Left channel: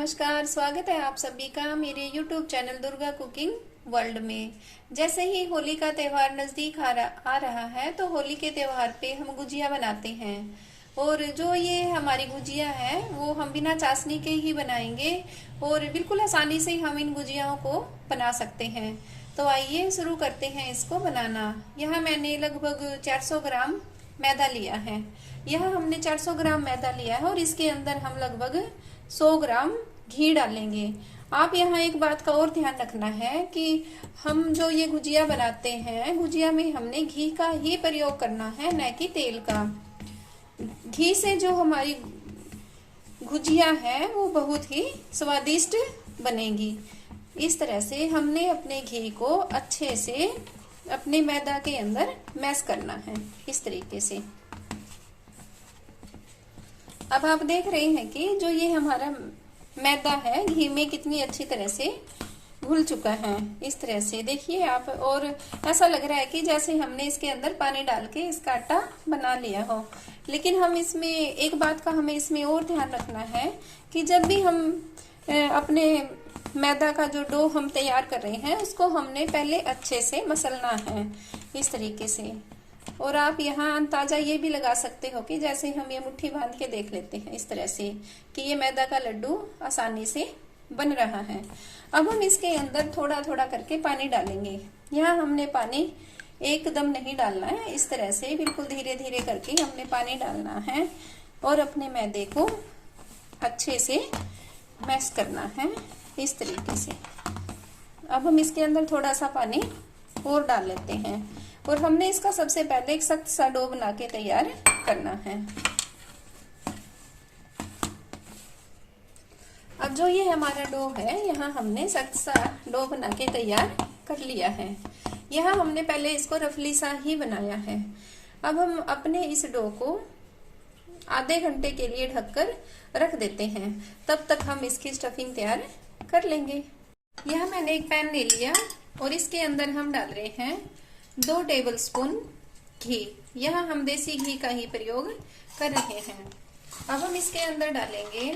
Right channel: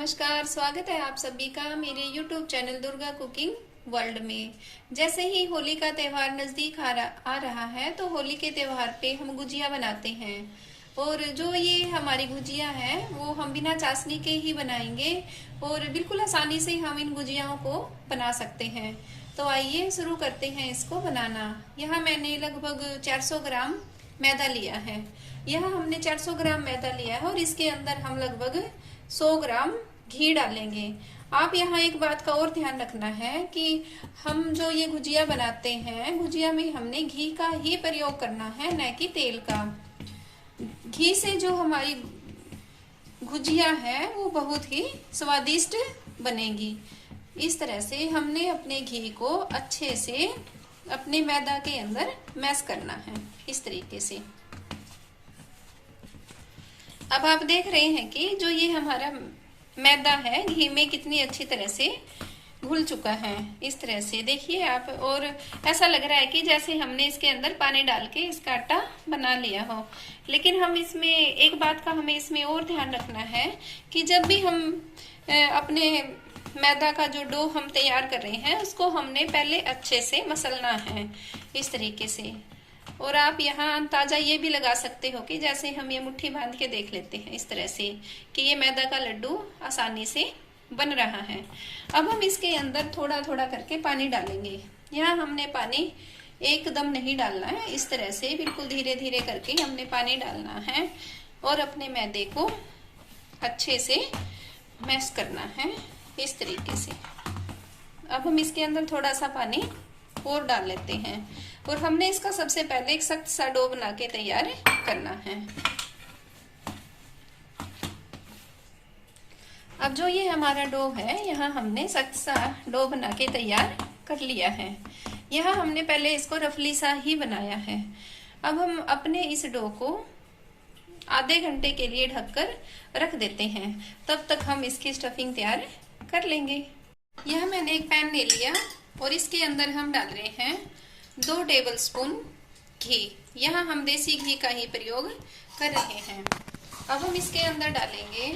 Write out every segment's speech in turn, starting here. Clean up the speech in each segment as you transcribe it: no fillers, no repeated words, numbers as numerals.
नमस्कार, स्वागत है आप सभी का मेरे YouTube channel Durga cooking world में। जैसे ही होली का त्योहार नजदीक आ रहा है तो होली के त्योहार पे हम गुजिया बनाते हैं। और जो ये हमारी गुजिया है वो हम बिना चाशनी के ही बनाएंगे और बिल्कुल आसानी से हम इन गुजियाओं को बना सकते हैं। तो आइए शुरू करते हैं इसको बनाना। यहाँ मैंने लगभग 400 ग्राम मैदा लिया है। यह हमने 400 ग्राम मैदा लिया है और इसके अंदर हम लगभग 100 ग्राम घी डालेंगे। आप यहाँ एक बात का और ध्यान रखना है कि हम जो ये गुजिया बनाते हैं, गुजिया में हमने घी का ही प्रयोग करना है, न कि तेल का। घी से जो हमारी गुजिया है वो बहुत ही स्वादिष्ट बनेगी। इस तरह से हमने अपने घी को अच्छे से अपने मैदा के अंदर मैश करना है, इस तरीके से। अब आप देख रहे हैं कि जो ये हमारा मैदा है घी में कितनी अच्छी तरह से घुल चुका है। इस तरह से देखिए आप, और ऐसा लग रहा है कि जैसे हमने इसके अंदर पानी डाल के इसका आटा बना लिया हो। लेकिन हम इसमें एक बात का हमें इसमें और ध्यान रखना है कि जब भी हम अपने मैदा का जो डो हम तैयार कर रहे हैं उसको हमने पहले अच्छे से मसलना है, इस तरीके से। और आप यहाँ अंदाजा ये भी लगा सकते हो कि जैसे हम ये मुट्ठी बांध के देख लेते हैं इस तरह से कि ये मैदा का लड्डू आसानी से बन रहा है। अब हम इसके अंदर थोड़ा थोड़ा करके पानी डालेंगे। यहाँ हमने पानी एकदम नहीं डालना है, इस तरह से बिल्कुल धीरे धीरे करके हमने पानी डालना है और अपने मैदे को अच्छे से मैश करना है, इस तरीके से। अब हम इसके अंदर थोड़ा सा पानी और डाल लेते हैं और हमने इसका सबसे पहले एक सख्त सा डो बना के तैयार करना है। अब जो ये हमारा डो है, यहाँ हमने सख्त सा डो बना के तैयार कर लिया है। यहाँ हमने पहले इसको रफली सा ही बनाया है। अब हम अपने इस डो को आधे घंटे के लिए ढककर रख देते हैं, तब तक हम इसकी स्टफिंग तैयार कर लेंगे। यह मैंने एक पैन ले लिया और इसके अंदर हम डाल रहे हैं 2 टेबलस्पून घी। यहाँ हम देसी घी का ही प्रयोग कर रहे हैं। अब हम इसके अंदर डालेंगे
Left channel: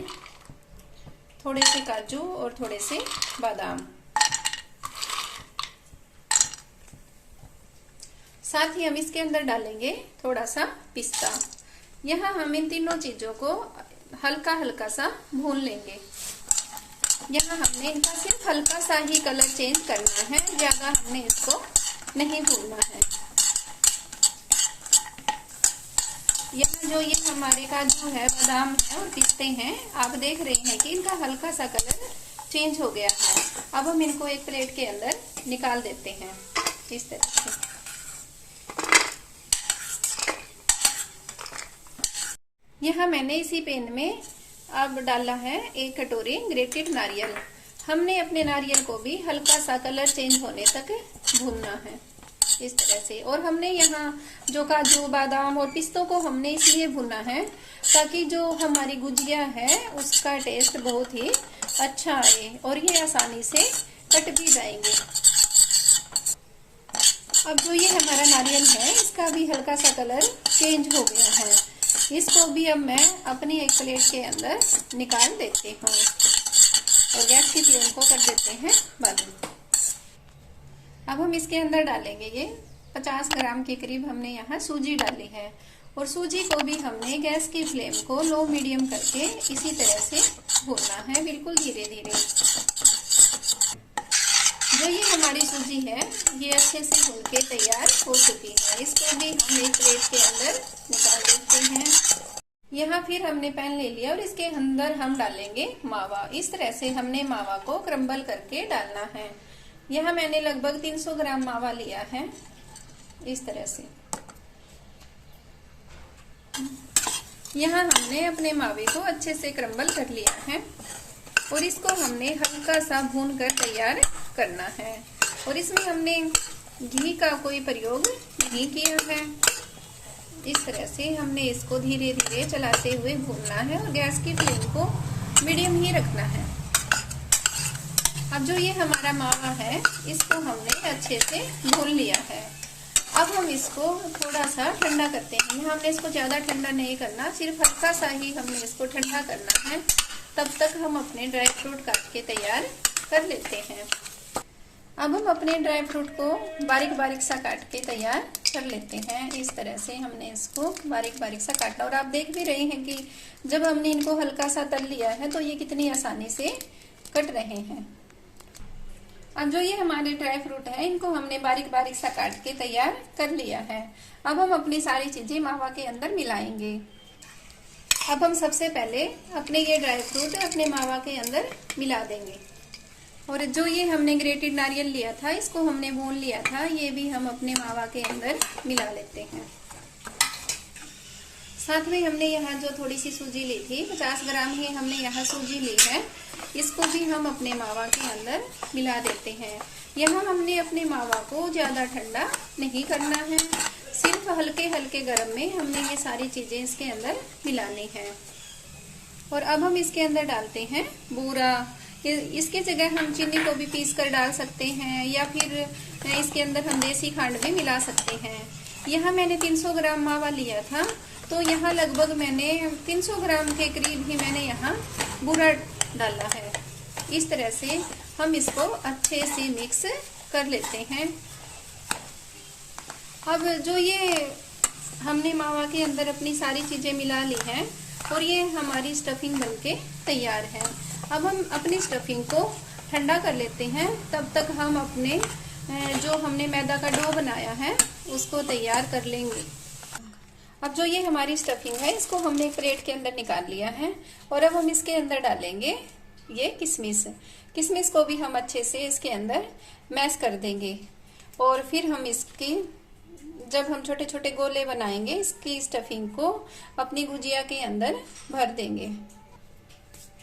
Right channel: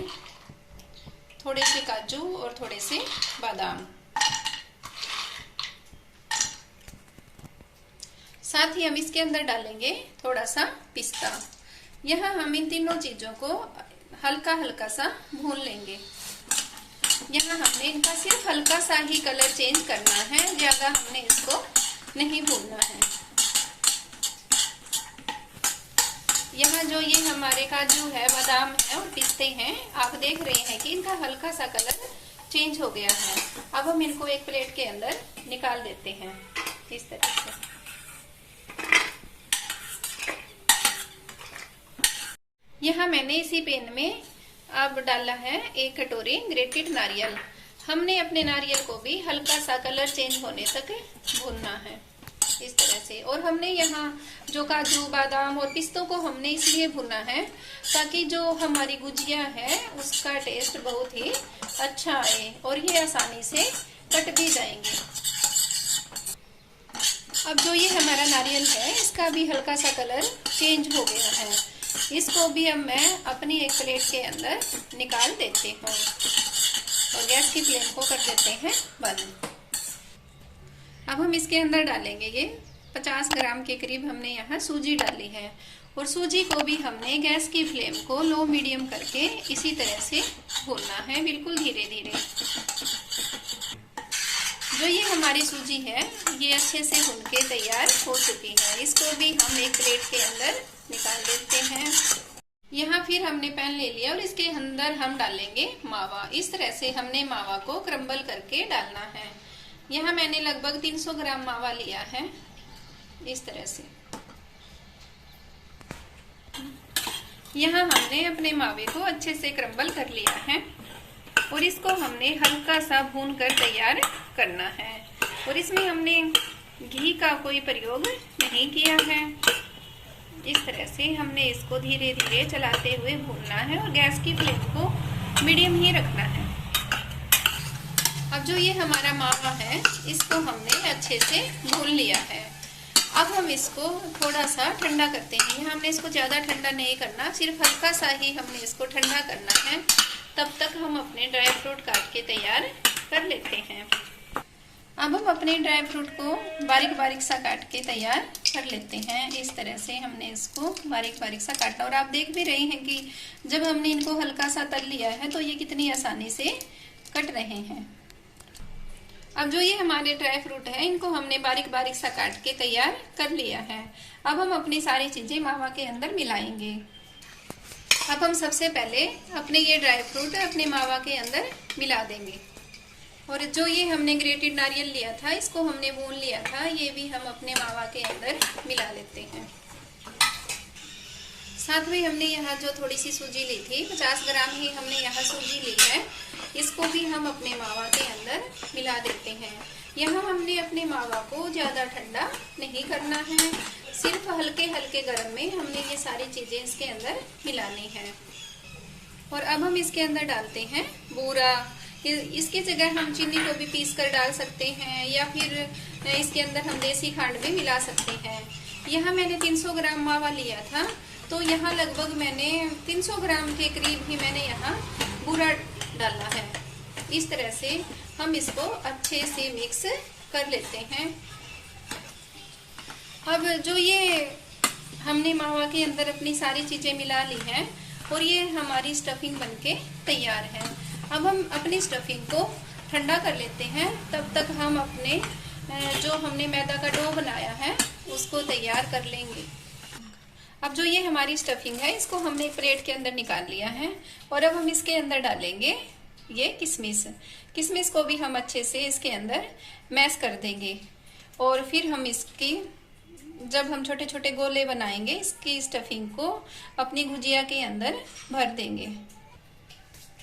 थोड़े से काजू और थोड़े से बादाम। साथ ही हम इसके अंदर डालेंगे थोड़ा सा पिस्ता। यहाँ हम इन तीनों चीजों को हल्का हल्का सा भून लेंगे। यहाँ हमने इनका सिर्फ हल्का सा ही कलर चेंज करना है, ज्यादा हमने इसको नहीं भूनना है। यहाँ जो ये हमारे काजू है, बादाम है और पिस्ते हैं, आप देख रहे हैं कि इनका हल्का सा कलर चेंज हो गया है। अब हम इनको एक प्लेट के अंदर निकाल देते हैं, इस तरह से। यहाँ मैंने इसी पैन में अब डाला है 1 कटोरी ग्रेटेड नारियल। हमने अपने नारियल को भी हल्का सा कलर चेंज होने तक भूनना है, इस तरह से। और हमने यहाँ जो काजू बादाम और पिस्तों को हमने इसलिए भुना है ताकि जो हमारी गुजिया है उसका टेस्ट बहुत ही अच्छा आए और ये आसानी से कट भी जाएंगे। अब जो ये हमारा नारियल है इसका भी हल्का सा कलर चेंज हो गया है। इसको भी अब मैं अपनी एक प्लेट के अंदर निकाल देती हूँ और गैस की फ्लेम को कर देते हैं बंद। अब हम इसके अंदर डालेंगे ये 50 ग्राम के करीब हमने यहाँ सूजी डाली है और सूजी को भी हमने गैस की फ्लेम को लो मीडियम करके इसी तरह से भूनना है, बिल्कुल धीरे धीरे। जो ये हमारी सूजी है ये अच्छे से भून के तैयार हो चुकी है। इसको भी हम एक प्लेट के अंदर निकाल देते हैं। यहाँ फिर हमने पैन ले लिया और इसके अंदर हम डालेंगे मावा। इस तरह से हमने मावा को क्रम्बल करके डालना है। यहाँ मैंने लगभग 300 ग्राम मावा लिया है, इस तरह से। यहाँ हमने अपने मावे को अच्छे से क्रम्बल कर लिया है और इसको हमने हल्का सा भून कर तैयार करना है। और इसमें हमने घी का कोई प्रयोग नहीं किया है। इस तरह से हमने इसको धीरे धीरे चलाते हुए भूनना है और गैस की फ्लेम को मीडियम ही रखना है। अब जो ये हमारा मावा है इसको हमने अच्छे से भून लिया है। अब हम इसको थोड़ा सा ठंडा करते हैं। यहाँ हमने इसको ज्यादा ठंडा नहीं करना, सिर्फ हल्का सा ही हमने इसको ठंडा करना है तब तक हम अपने ड्राई फ्रूट काट के तैयार कर लेते हैं। अब हम अपने ड्राई फ्रूट को बारीक बारीक सा काट के तैयार कर लेते हैं। इस तरह से हमने इसको बारीक बारीक सा काटा, और आप देख भी रहे हैं कि जब हमने इनको हल्का सा तल लिया है तो ये कितनी आसानी से कट रहे हैं। अब जो ये हमारे ड्राई फ्रूट है, इनको हमने बारीक बारीक सा काट के तैयार कर लिया है। अब हम अपनी सारी चीजें मावा के अंदर मिलाएंगे। अब हम सबसे पहले अपने ये ड्राई फ्रूट अपने मावा के अंदर मिला देंगे, और जो ये हमने ग्रेटेड नारियल लिया था, इसको हमने भून लिया था, ये भी हम अपने मावा के अंदर मिला लेते हैं। साथ में हमने यहाँ जो थोड़ी सी सूजी ली थी, 50 ग्राम ही हमने यहाँ सूजी ली है, इसको भी हम अपने मावा के अंदर मिला देते हैं। यहाँ हमने अपने मावा को ज्यादा ठंडा नहीं करना है, सिर्फ हल्के हल्के गर्म में हमने ये सारी चीजें इसके अंदर मिलानी है। और अब हम इसके अंदर डालते हैं बूरा। इसकी जगह हम चीनी को भी पीस कर डाल सकते हैं, या फिर इसके अंदर हम देसी खांड भी मिला सकते हैं। यहाँ मैंने 300 ग्राम मावा लिया था, तो यहाँ लगभग मैंने 300 ग्राम के करीब ही मैंने यहाँ बूरा डाला है। इस तरह से हम इसको अच्छे से मिक्स कर लेते हैं। अब जो ये हमने मावा के अंदर अपनी सारी चीजें मिला ली हैं, और ये हमारी स्टफिंग बनके तैयार है। अब हम अपनी स्टफिंग को ठंडा कर लेते हैं। तब तक हम अपने जो हमने मैदा का डो बनाया है उसको तैयार कर लेंगे। अब जो ये हमारी स्टफिंग है, इसको हमने एक प्लेट के अंदर निकाल लिया है, और अब हम इसके अंदर डालेंगे ये किशमिश। किशमिश को भी हम अच्छे से इसके अंदर मैश कर देंगे, और फिर हम इसकी जब हम छोटे छोटे गोले बनाएंगे, इसकी स्टफिंग को अपनी गुजिया के अंदर भर देंगे।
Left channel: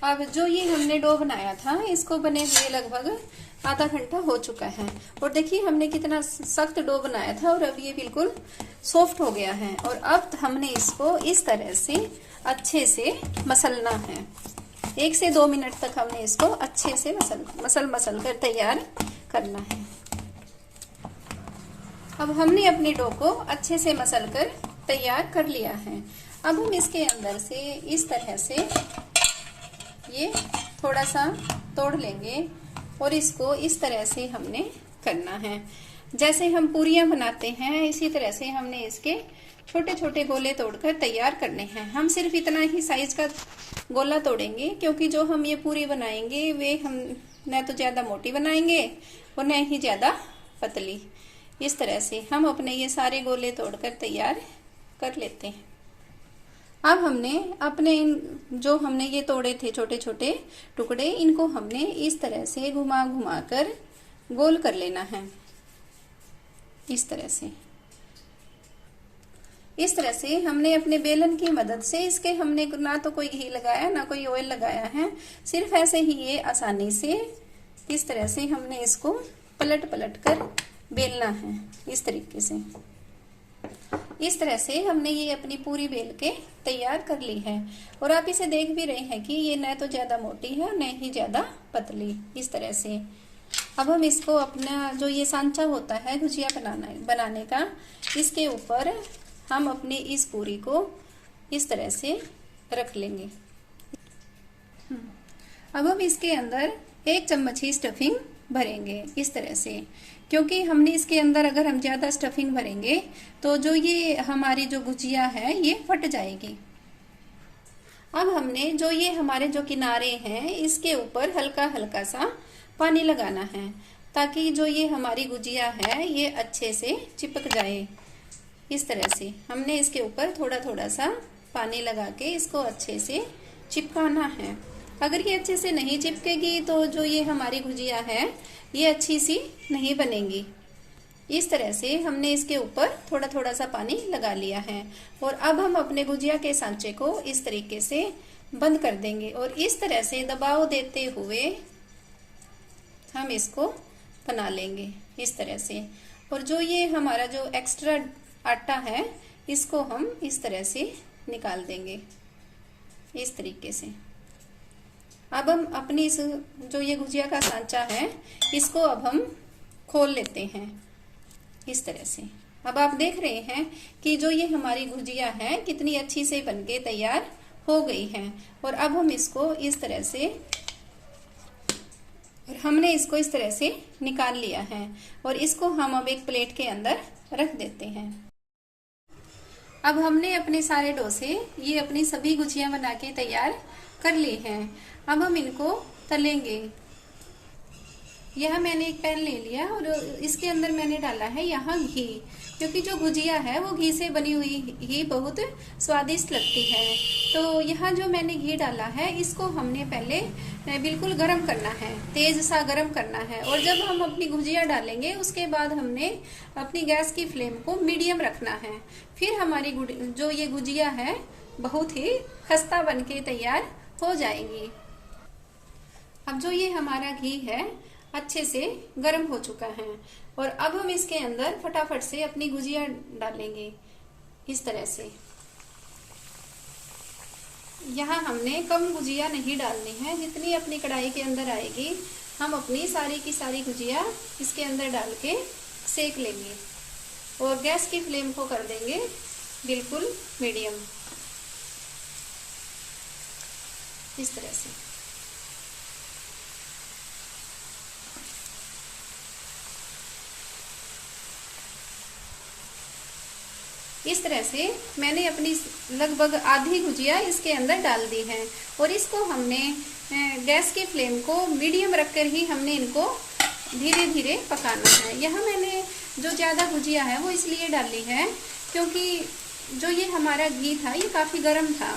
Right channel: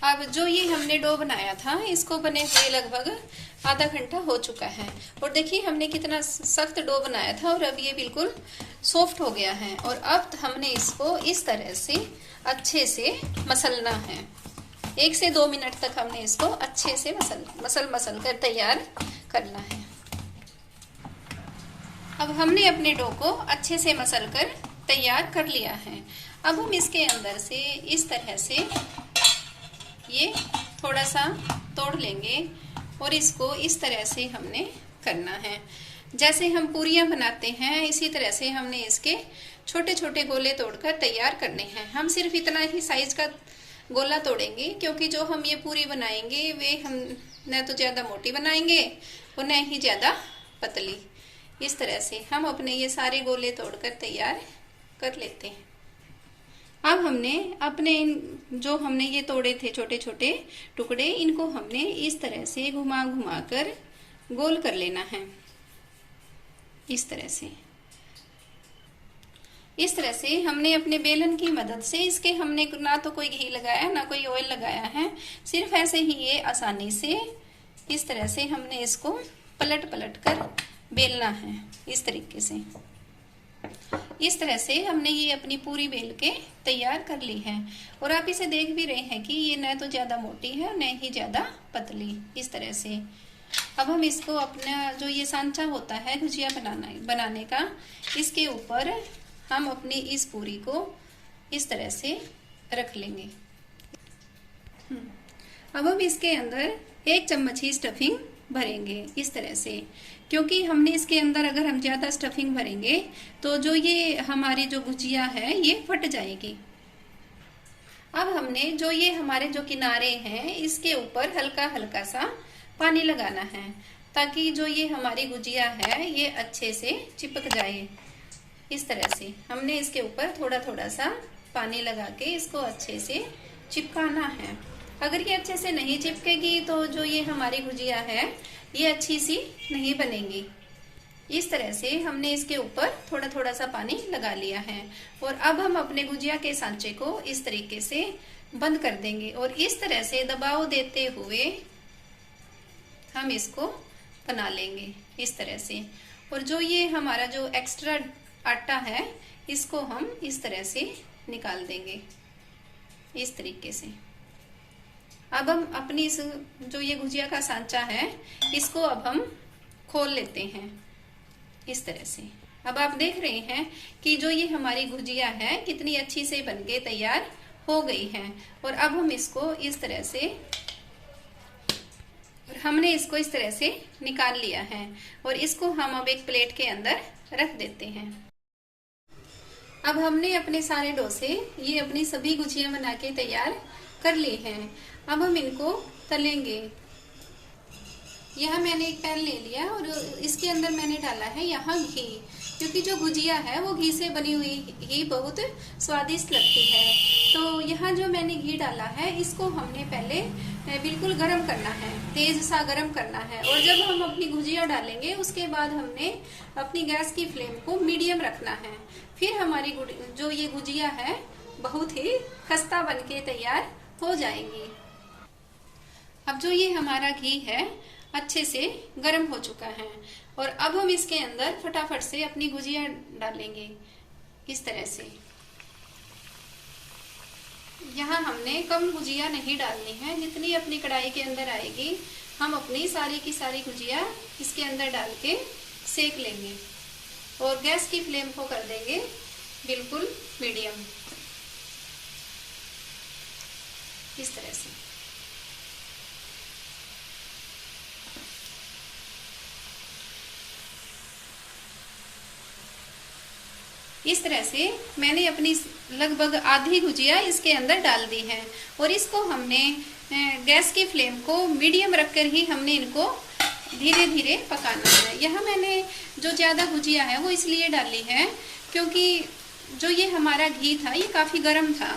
अब जो ये हमने डो बनाया था, इसको बने हुए लगभग आधा घंटा हो चुका है, और देखिए हमने कितना सख्त डो बनाया था, और अब ये बिल्कुल सॉफ्ट हो गया है। और अब हमने इसको इस तरह से अच्छे से मसलना है। 1 से 2 मिनट तक हमने इसको अच्छे से मसल कर तैयार करना है। अब हमने अपने डो को अच्छे से मसल कर तैयार कर लिया है। अब हम इसके अंदर से इस तरह से ये थोड़ा सा तोड़ लेंगे, और इसको इस तरह से हमने करना है। जैसे हम पूरियां बनाते हैं, इसी तरह से हमने इसके छोटे छोटे गोले तोड़कर तैयार करने हैं। हम सिर्फ इतना ही साइज का गोला तोड़ेंगे, क्योंकि जो हम ये पूरी बनाएंगे वे हम न तो ज्यादा मोटी बनाएंगे और न ही ज्यादा पतली। इस तरह से हम अपने ये सारे गोले तोड़कर तैयार कर लेते हैं। अब हमने अपने जो हमने ये तोड़े थे छोटे छोटे टुकड़े, इनको हमने इस तरह से घुमा घुमा कर गोल कर लेना है। इस तरह से हमने अपने बेलन की मदद से, इसके हमने ना तो कोई घी लगाया ना कोई ऑयल लगाया है, सिर्फ ऐसे ही ये आसानी से इस तरह से हमने इसको पलट पलट कर बेलना है। इस तरीके से, इस तरह से हमने ये अपनी पूरी बेल के तैयार कर ली है, और आप इसे देख भी रहे हैं कि ये न तो ज्यादा मोटी है न ही ज्यादा पतली। इस तरह से अब हम इसको अपना जो ये सांचा होता है गुजिया बनाने का, इसके ऊपर हम अपनी इस पूरी को इस तरह से रख लेंगे। अब हम इसके अंदर 1 चम्मच ही स्टफिंग भरेंगे इस तरह से, क्योंकि हमने इसके अंदर अगर हम ज्यादा स्टफिंग भरेंगे तो जो ये हमारी जो गुजिया है ये फट जाएगी। अब हमने जो ये हमारे जो किनारे हैं, इसके ऊपर हल्का हल्का सा पानी लगाना है, ताकि जो ये हमारी गुजिया है ये अच्छे से चिपक जाए। इस तरह से हमने इसके ऊपर थोड़ा थोड़ा सा पानी लगा के इसको अच्छे से चिपकाना है। अगर ये अच्छे से नहीं चिपकेगी तो जो ये हमारी गुजिया है ये अच्छी सी नहीं बनेगी। इस तरह से हमने इसके ऊपर थोड़ा थोड़ा सा पानी लगा लिया है, और अब हम अपने गुजिया के सांचे को इस तरीके से बंद कर देंगे, और इस तरह से दबाव देते हुए हम इसको बना लेंगे इस तरह से। और जो ये हमारा जो एक्स्ट्रा आटा है इसको हम इस तरह से निकाल देंगे इस तरीके से। अब हम अपनी इस जो ये गुजिया का सांचा है इसको अब हम खोल लेते हैं इस तरह से। अब आप देख रहे हैं कि जो ये हमारी गुजिया है कितनी अच्छी से बनके तैयार हो गई है। और अब हम इसको इस तरह से, और हमने इसको इस तरह से निकाल लिया है और इसको हम अब एक प्लेट के अंदर रख देते हैं। अब हमने अपने सारे डोसे, ये अपनी सभी गुजिया बना के तैयार कर ली हैं। अब हम इनको तलेंगे। यह मैंने एक पैन ले लिया और इसके अंदर मैंने डाला है यहाँ घी, क्योंकि जो गुजिया है वो घी से बनी हुई ही बहुत स्वादिष्ट लगती है। तो यहाँ जो मैंने घी डाला है इसको हमने पहले बिल्कुल गरम करना है, तेज सा गरम करना है। और जब हम अपनी गुजिया डालेंगे उसके बाद हमने अपनी गैस की फ्लेम को मीडियम रखना है। फिर हमारी जो ये गुजिया है बहुत ही खस्ता बनके तैयार हो जाएगी। अब जो ये हमारा घी है अच्छे से गर्म हो चुका है और अब हम इसके अंदर फटाफट से अपनी गुजिया डालेंगे इस तरह से। यहाँ हमने कम गुजिया नहीं डालनी है, जितनी अपनी कढ़ाई के अंदर आएगी हम अपनी सारी की सारी गुजिया इसके अंदर डाल के सेक लेंगे और गैस की फ्लेम को कर देंगे बिल्कुल मीडियम, इस तरह से। इस तरह से मैंने अपनी लगभग आधी गुजिया इसके अंदर डाल दी है और इसको हमने गैस की फ्लेम को मीडियम रखकर ही हमने इनको धीरे धीरे पकाना है। यह मैंने जो ज्यादा गुजिया है वो इसलिए डाली है क्योंकि जो ये हमारा घी था ये काफी गर्म था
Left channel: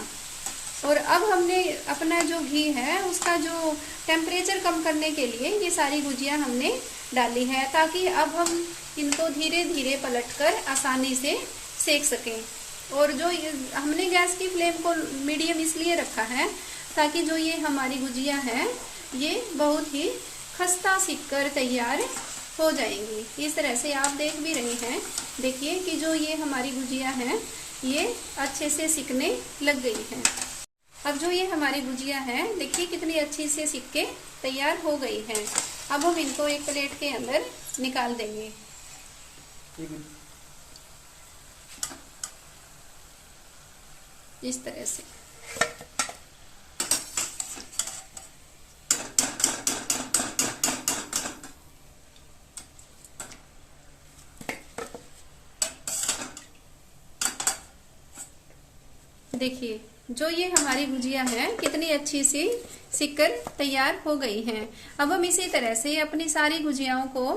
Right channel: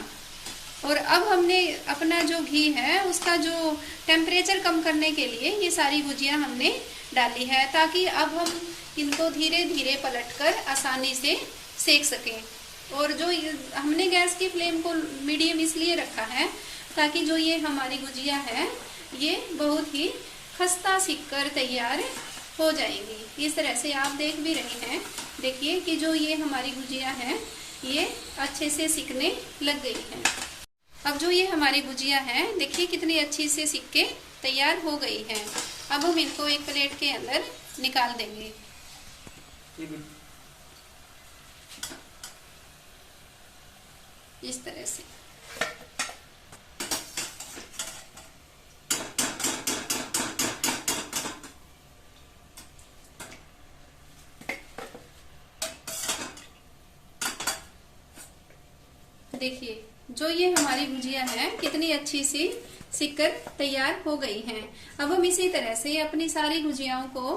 और अब हमने अपना जो घी है उसका जो टेम्परेचर कम करने के लिए ये सारी गुजिया हमने डाली है, ताकि अब हम इनको धीरे धीरे पलटकर आसानी से सेक सकें। और जो हमने गैस की फ्लेम को मीडियम इसलिए रखा है ताकि जो ये हमारी गुजिया है ये बहुत ही खस्ता सिक कर तैयार हो जाएंगी। इस तरह से आप देख भी रहे हैं, देखिए कि जो ये हमारी गुजिया है ये अच्छे से सिकने लग गई है। अब जो ये हमारी गुजिया है देखिए कितनी अच्छी से सिक के तैयार हो गई है। अब हम इनको एक प्लेट के अंदर निकाल देंगे। इस तरह से। देखिए जो ये हमारी गुजिया है कितनी अच्छी सी सिककर तैयार हो गई हैं। अब हम इसी तरह से अपनी सारी गुजियाओं को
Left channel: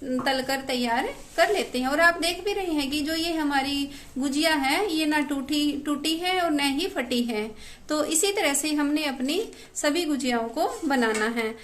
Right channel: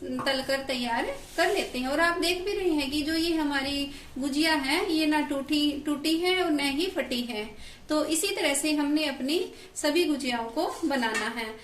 तलकर तैयार कर लेते हैं। और आप देख भी रहे हैं कि जो ये हमारी गुजिया है ये ना टूटी है और न ही फटी है। तो इसी तरह से हमने अपनी सभी गुजियाओं को बनाना है।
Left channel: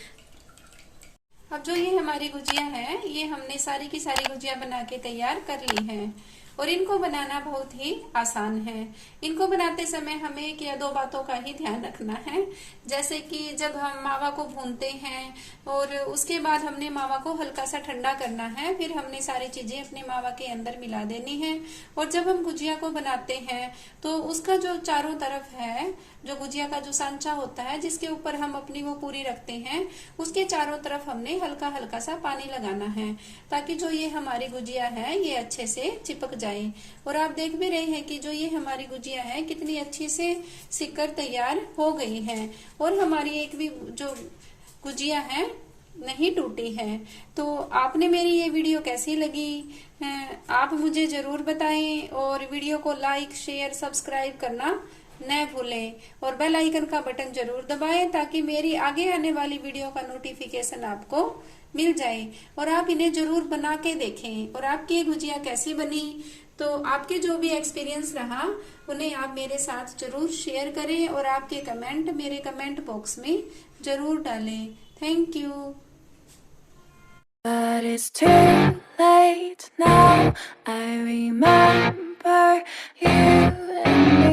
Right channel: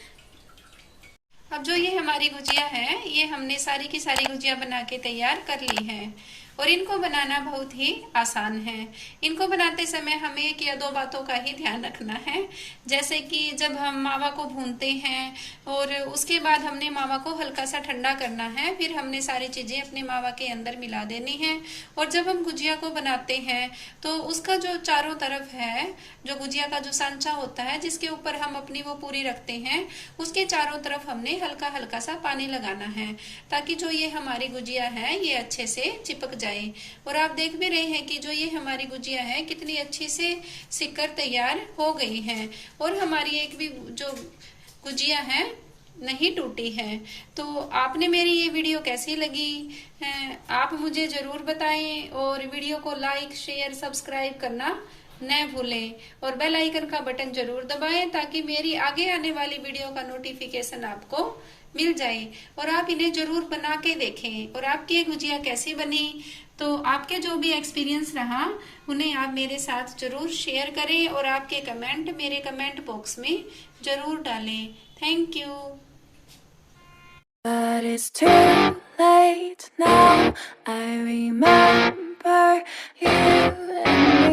अब जो ये हमारी गुजिया है ये हमने सारी की सारी गुजिया बना के तैयार कर ली है और इनको बनाना बहुत ही आसान है। इनको बनाते समय हमें एक या दो बातों का ही ध्यान रखना है, जैसे कि जब हम मावा को भूनते हैं और उसके बाद हमने मावा को हल्का सा ठंडा करना है, फिर हमने सारी चीजें अपने मावा के अंदर मिला देनी है। और जब हम गुजिया को बनाते हैं तो उसका जो चारों तरफ है, जो गुजिया का जो सांचा होता है जिसके ऊपर हम अपनी वो पूरी रखते हैं, उसके चारों तरफ हमने हल्का हल्का सा पानी लगाना है ताकि जो ये हमारी गुजिया है ये अच्छे से चिपक जाए। और आप देख भी रहे हैं कि जो ये हमारी गुजिया है कितनी अच्छी से सिककर तैयार हो गई है और हमारी एक भी जो गुजिया है नहीं टूटी है। तो आपने मेरी ये वीडियो कैसी लगी है आप मुझे जरूर बताएं और वीडियो को लाइक शेयर सब्सक्राइब करना न भूलें और बेल आइकन का बटन जरूर दबाएं ताकि मेरी आगे आने वाली वीडियो का नोटिफिकेशन आपको मिल जाए। और आप इन्हें जरूर बना के देखें और आपकी ये गुजिया कैसी बनी, तो आपके जो भी एक्सपीरियंस रहा उन्हें आप मेरे साथ जरूर शेयर करें और आपके कमेंट मेरे कमेंट बॉक्स में जरूर डालें। Thank you. But it's too late now. I remember you and me.